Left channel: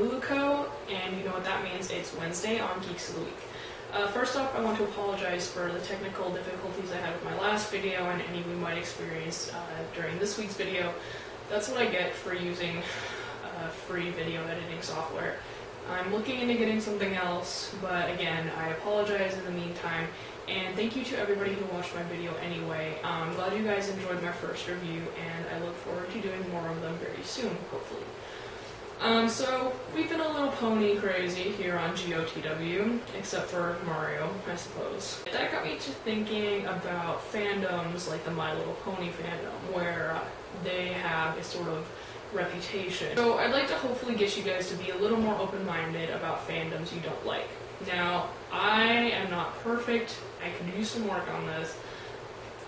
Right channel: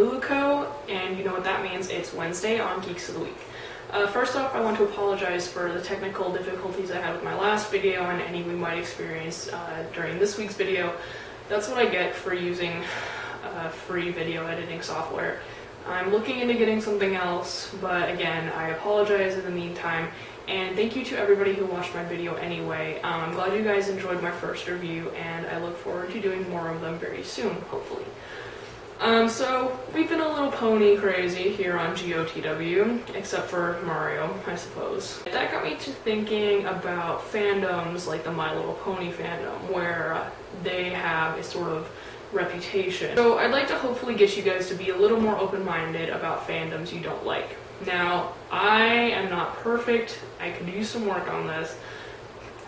Luluco, and you know what that means, it's Wednesday on Geeks of the Week. First off, I want to apologize for the technical difficulties I had with my last video and any we might experience during this week's video. That's what I get for using free video editing software. I'm looking into getting something else, but again, I apologize in the meantime, and thank you to everybody who watched my video anyway. I'm glad you guys enjoyed my first review, and I look forward to doing more of them very soon, hopefully. So, we've been a little pony crazy here on GOTW, except for Mario, I suppose. That got me to thinking about fandoms like the My Little Pony fandom, where they have a sort of reputation. So I'd like to hopefully get you guys to be a little more open-minded about fandoms you don't like. Now, I am not perfect. I could use some work on this.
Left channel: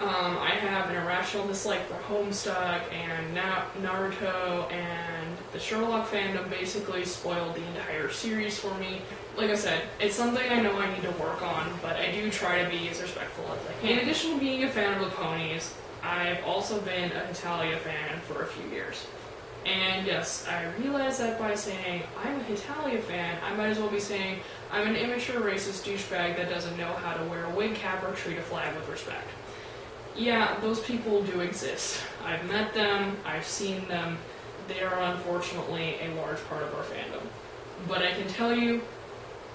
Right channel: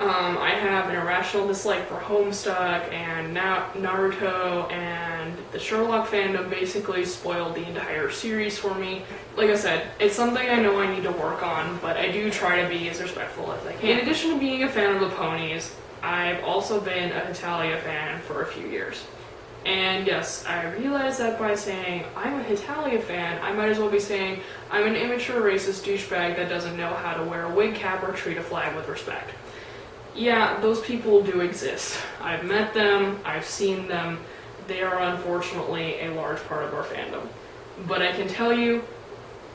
I have an irrational dislike for Homestuck and Naruto, and the Sherlock fandom basically spoiled the entire series for me. Like I said, it's something I know I need to work on, but I do try to be as respectful as I can. In addition to being a fan of the ponies, I've also been a Hitalia fan for a few years. And yes, I realize that by saying I'm a Hitalia fan, I might as well be saying I'm an immature racist douchebag that doesn't know how to wear a wig cap or treat a flag with respect. Yeah, those people do exist. I've met them, I've seen them. They are unfortunately a large part of our fandom. But I can tell you,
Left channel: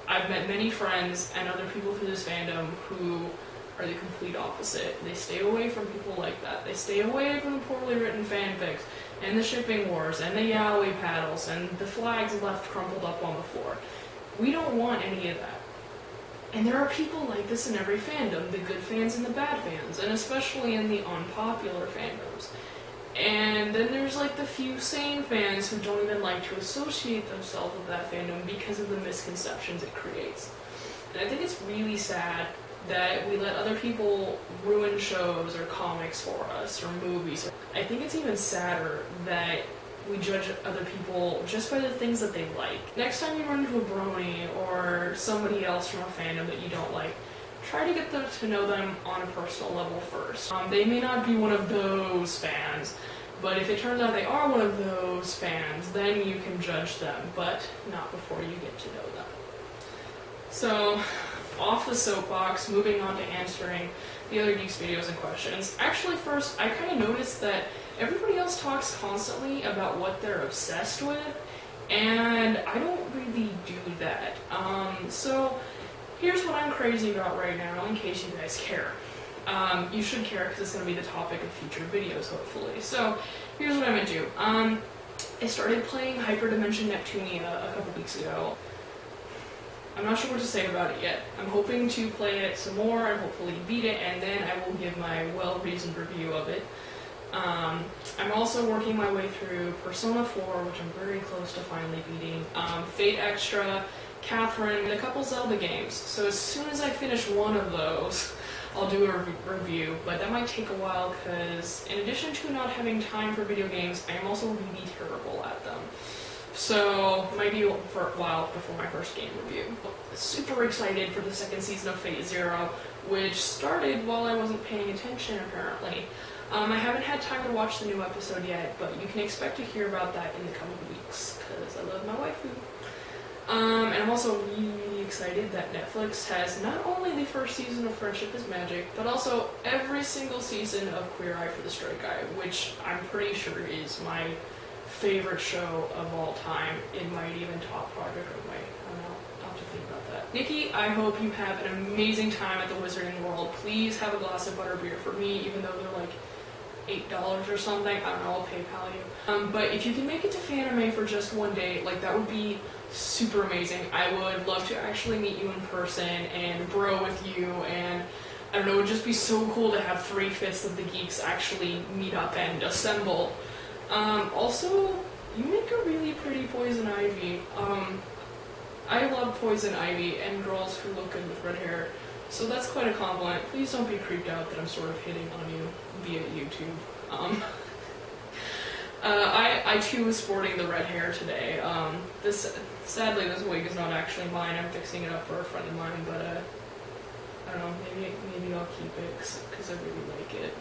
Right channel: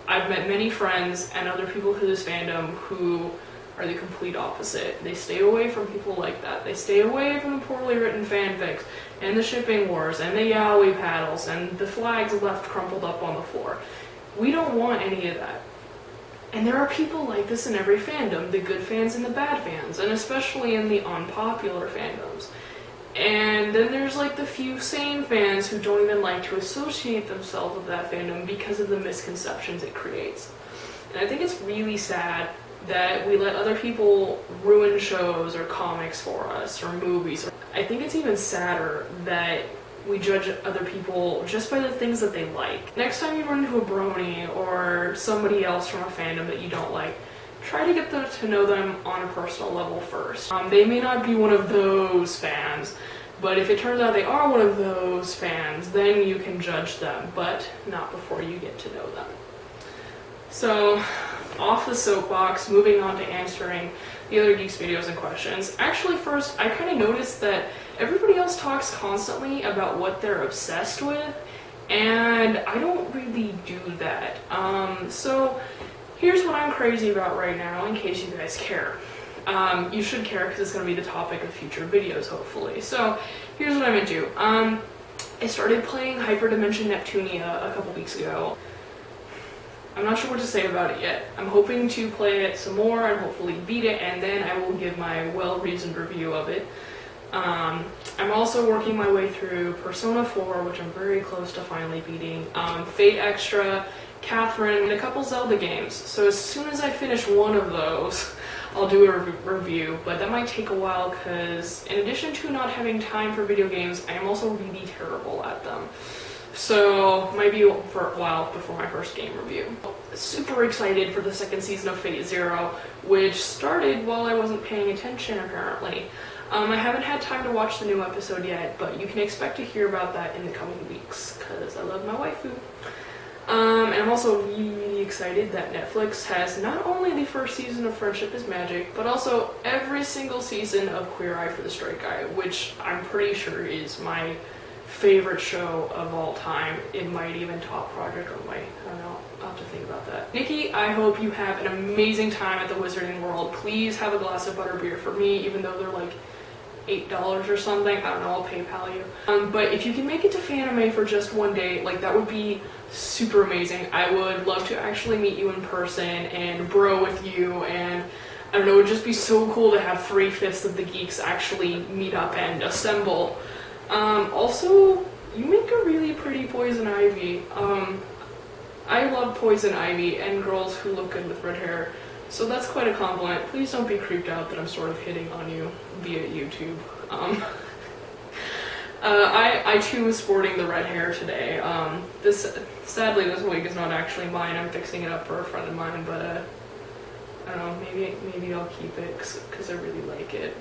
I've met many friends and other people through this fandom who are the complete opposite. They stay away from people like that. They stay away from the poorly written fanfics, and the shipping wars, and the yaoi paddles, and the flags left crumpled up on the floor. We don't want any of that. And there are people like this in every fandom, the good fans and the bad fans, and especially in the unpopular fandoms. And then there's like the few sane fans who don't even like to associate themselves with that fandom because of the misconceptions it creates. And I think it's really sad that we let other people ruin shows or comics for us, or movies. I think it's even sadder that we judge other people just by the things that they like. Next time you run into a brony or somebody else from a fandom that you don't like, try to get to know them on a personal level first. They may not be one of those fans, but if it turns out they are one of those fans, then you can judge them, but not before you get to know them. So, off the soapbox, moving on to answering the other Geeks videos and questions. Actually, first, I kind of noticed that everybody else talks constantly about what they're obsessed with, and I don't really do that. So here's what I'm crazy about right now, in case you guys care. You should care because it's going to be the topic of future videos, hopefully. So here's what I'm into. I started playing Hyperdimension Neptunia a couple weeks ago. I'm not sure what to say about it yet. I'm hoping to play it some more and hopefully beat it, and then I will give my well-reasoned review of it. I'm also working my way through Persona 4, which I'm very close to finally beating, Fate Extra, Catherine, and a couple Zelda games. So as soon as I finish one of those, I'll do a review, but that might take a while because in addition to not having time for video games, I am also really terrible at them. So, might be for a while before my first game review. Super excited for the second season of Fate Zero, which started while I wasn't paying attention, apparently. I haven't had time to watch the new episode yet, but you can expect to hear about that in the coming weeks, because I love my waifu. And I'm also really excited that Netflix has not only the first season of Friendship is Magic, but also every single season of Queer Eye for the Straight Guy, which I'm pretty sure is my favorite show of all time. It might even top Project Runway. I don't know. I'll have to think about that. Nikki, I hope you have an amazing time at the Wizarding World. Please have a glass of butterbeer for me, even though they're like $8 or something. I don't know, I'll PayPal you. But if you can make it to Fanime for just one day, like that would be super amazing. I would love to actually meet you in person and bro with you, and I don't know, it would just be so cool to have 3/5 of the geeks actually meet up and assemble. Also, you make a really pretty Poison Ivy. I love Poison Ivy and girls who look good with red hair, so that's quite a compliment. Please don't be creeped out that I'm sort of hitting on you via YouTube. I too was sporting the red hair today. Sadly this wig is not actually mine. I'm fixing it up for a friend of mine, but I don't know, maybe I'll keep it because I really like it.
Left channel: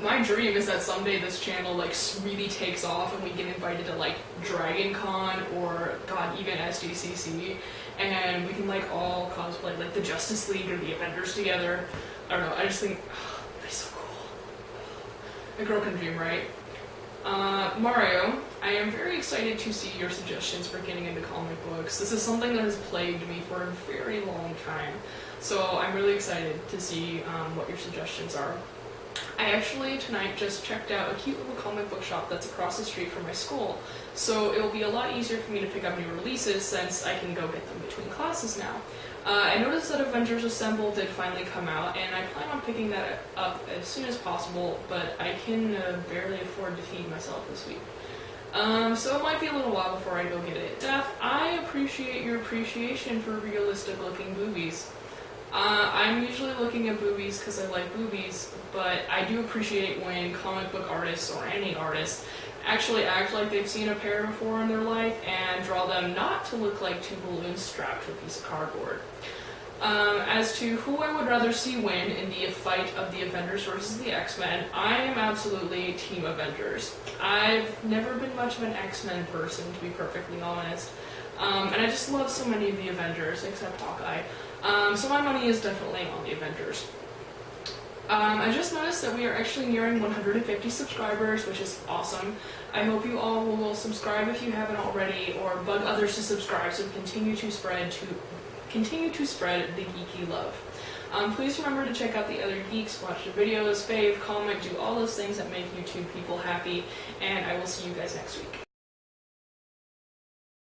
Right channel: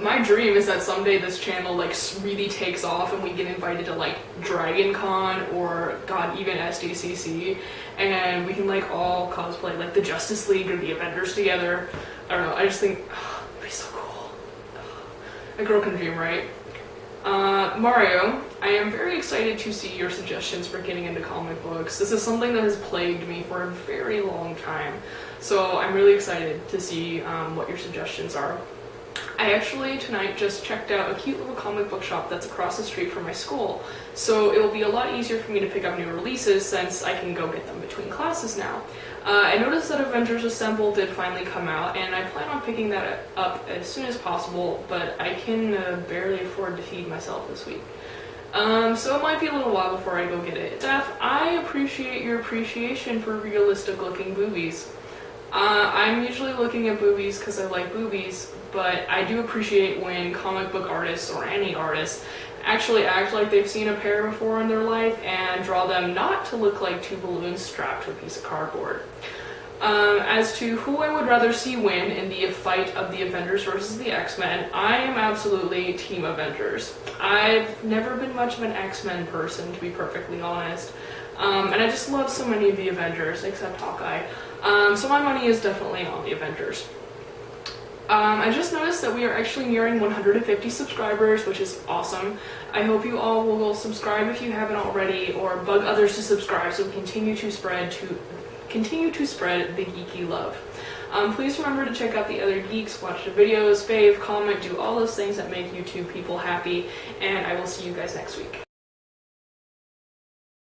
my dream is that someday this channel like really takes off and we get invited to like Dragon Con or god, even SDCC, and we can like all cosplay like the Justice League or the Avengers together. I don't know, I just think it'd be so cool. A girl can dream, right? Mario, I am very excited to see your suggestions for getting into comic books. This is something that has plagued me for a very long time, so I'm really excited to see what your suggestions are. I actually tonight just checked out a cute little comic book shop that's across the street from my school, so it will be a lot easier for me to pick up new releases since I can go get them between classes now. I noticed that Avengers Assemble did finally come out, and I plan on picking that up as soon as possible, but I can barely afford to feed myself this week. So it might be a little while before I go get it. Steff, I appreciate your appreciation for realistic looking boobies. I'm usually looking at boobies because I like boobies, but I do appreciate when comic book artists or any artists actually act like they've seen a pair before in their life and draw them not to look like two balloons strapped to a piece of cardboard. As to who I would rather see win in the fight of the Avengers versus the X-Men, I am absolutely Team Avengers. I've never been much of an X-Men person, to be perfectly honest, and I just love so many of the Avengers, except Hawkeye, so my money is definitely on the Avengers. I just noticed that we are actually nearing 150 subscribers, which is awesome. I hope you all will subscribe if you haven't already, or bug others to subscribe so we continue to spread the geeky love. Please remember to check out the other geeks, watch the videos, fave, comment, do all those things that make YouTube people happy, and I will see you guys next week.